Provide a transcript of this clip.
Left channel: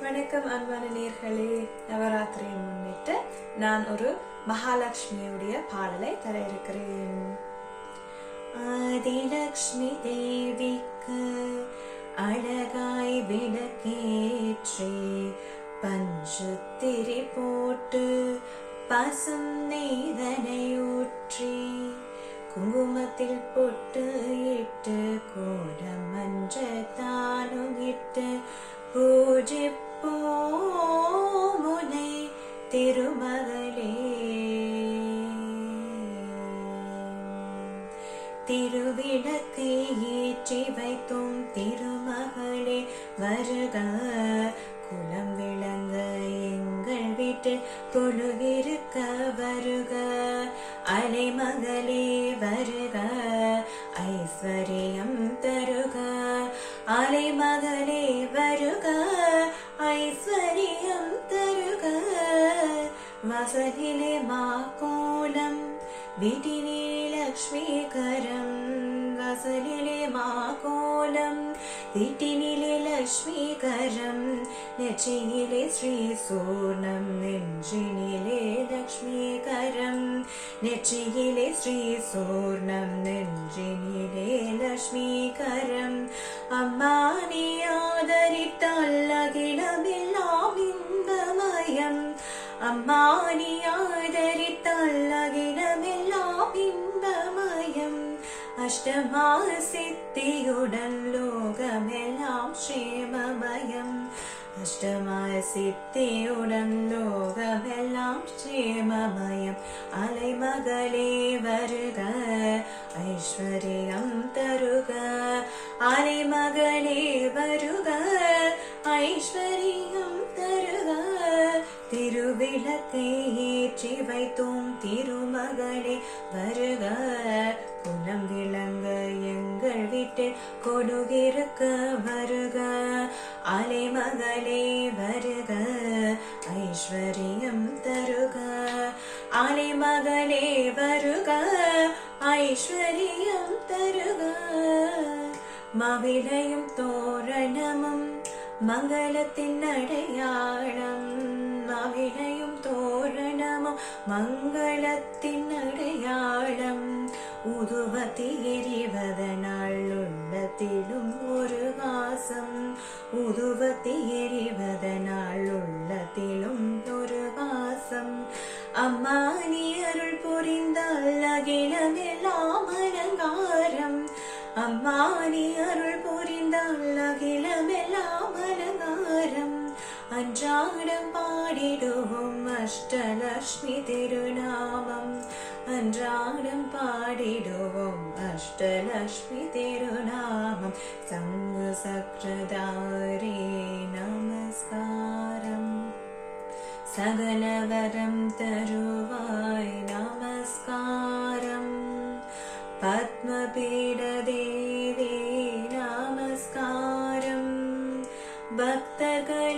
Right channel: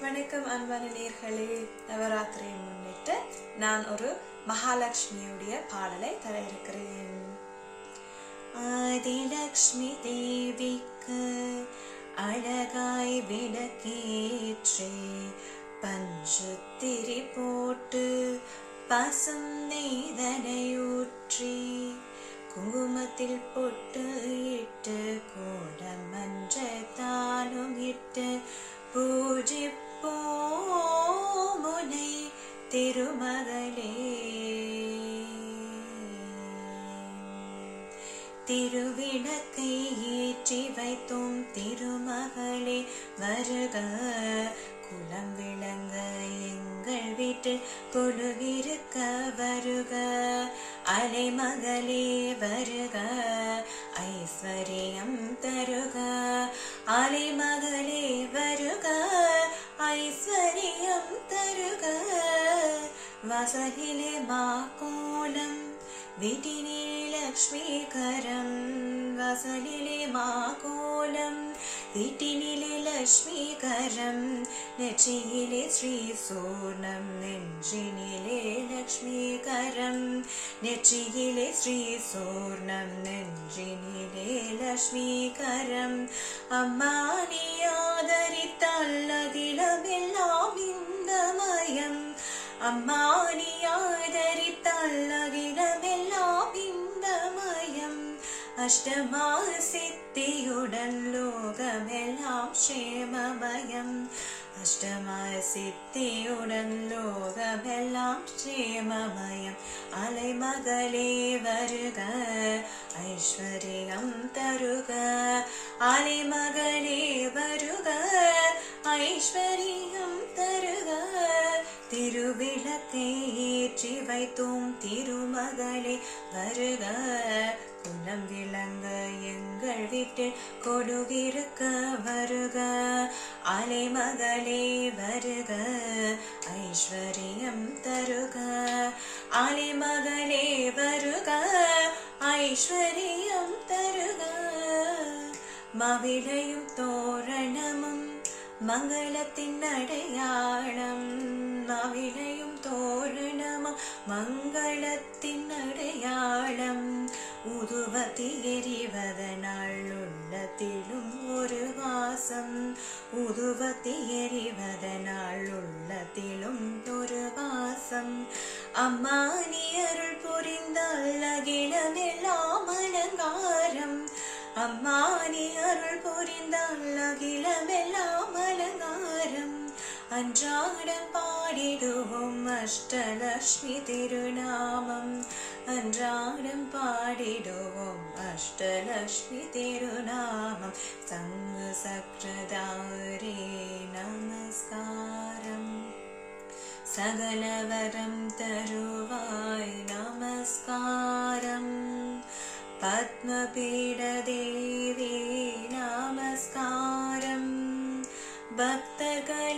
வணக்கம் அன்பான நேயர்களே, நவராத்திரியை முன்னிட்டு நான் ஒரு மகாலட்சுமியுடைய பாடலை தர இருக்கிறேன். ஆதிலட்சுமி தேவிக்கு அழகாய் விளக்கேற்றி பஞ்சுத்திரி போட்டு பசும் நெய்தனையூற்றி குங்குமத்தில் பொட்டு இட்டு கோடமன்ற தானும் இட்டு பூஜிப்போமுனை திருமகளே. திருவிளக்கை ஏற்றி வைத்தோம் திருமகளே, வருக குலம் விளங்க எங்கள் வீட்டு கொலுவிருக்க வருக. அலைமகளே வருக, ஐஸ்வர்யம் தருக. அலைமகளே வருக, ஐஸ்வர்யம் தருக. வசலிலே மாக்கோலம் வீட்டிலே லக்ஷ்மீகரம். வசலிலே மாக்கோலம் வீட்டினிலே லக்ஷ்மீகரம். நெற்றியிலே ஸ்ரீ சூர்ணம் நெஞ்சினிலே லக்ஷ்மீகரம். நெற்றியிலே ஸ்ரீ சூர்ணம் நெஞ்சினிலே லக்ஷ்மீகரம். அம்மா நீ ஆதரித்தால் அகிலமெல்லாம் இன்பமயம். அம்மா நீ ஆதரித்தால் அகிலமெல்லாம் இன்பமயம். அஷ்டமா சித்தியுடன் லோகமெல்லாம் ஸ்ரீமமயம். அஷ்டமா சித்தியுடன் லோகமெல்லாம் ஸ்ரீமமயம். அலைமகளே வருக, ஐஸ்வர்யம் தருக. அலைமகளே வருக, ஐஸ்வர்யம் தருக. திருவிளக்கை ஏற்றி வைத்தோம் திருமகளே, வருக குலம் விளங்க எங்கள் வீட்டில் கொடுகிருக்க வருக. அலைமகளே வருக, ஐஸ்வர்யம் தருக. அலைமகளே வருக, ஐஸ்வர்யம் தருக. மவிழையும் தோரணமும் மங்களத்தின் அடையாளம். மவிழையும் தோரணமும் மங்களத்தின் அடையாளம். உதுவத்தி எரிவதனால் உள்ளத்திலும் ஒரு வாசம். உதுவத்தி எரிவதனால் உள்ளத்திலும் ஒரு வாசம். அம்மா நீ அருள் புரிந்தால் அகிலமெல்லாம் அலங்காரம். அம்மா நீ அருள் புரிந்தால் அகிலமெல்லாம் அலங்காரம். அன்றாடம் பாடிடுவோம் அஷ்டலட்சுமி திருநாமம். அன்றாடம் பாடிடுவோம் அஷ்டலட்சுமி திருநாமம். சங்கு சக்ரதாரே நமஸ்காரம். சகலவரம் தருவாய் நமஸ்காரம். பத்மபீட தேவி நமஸ்காரம். பக்தர்கள்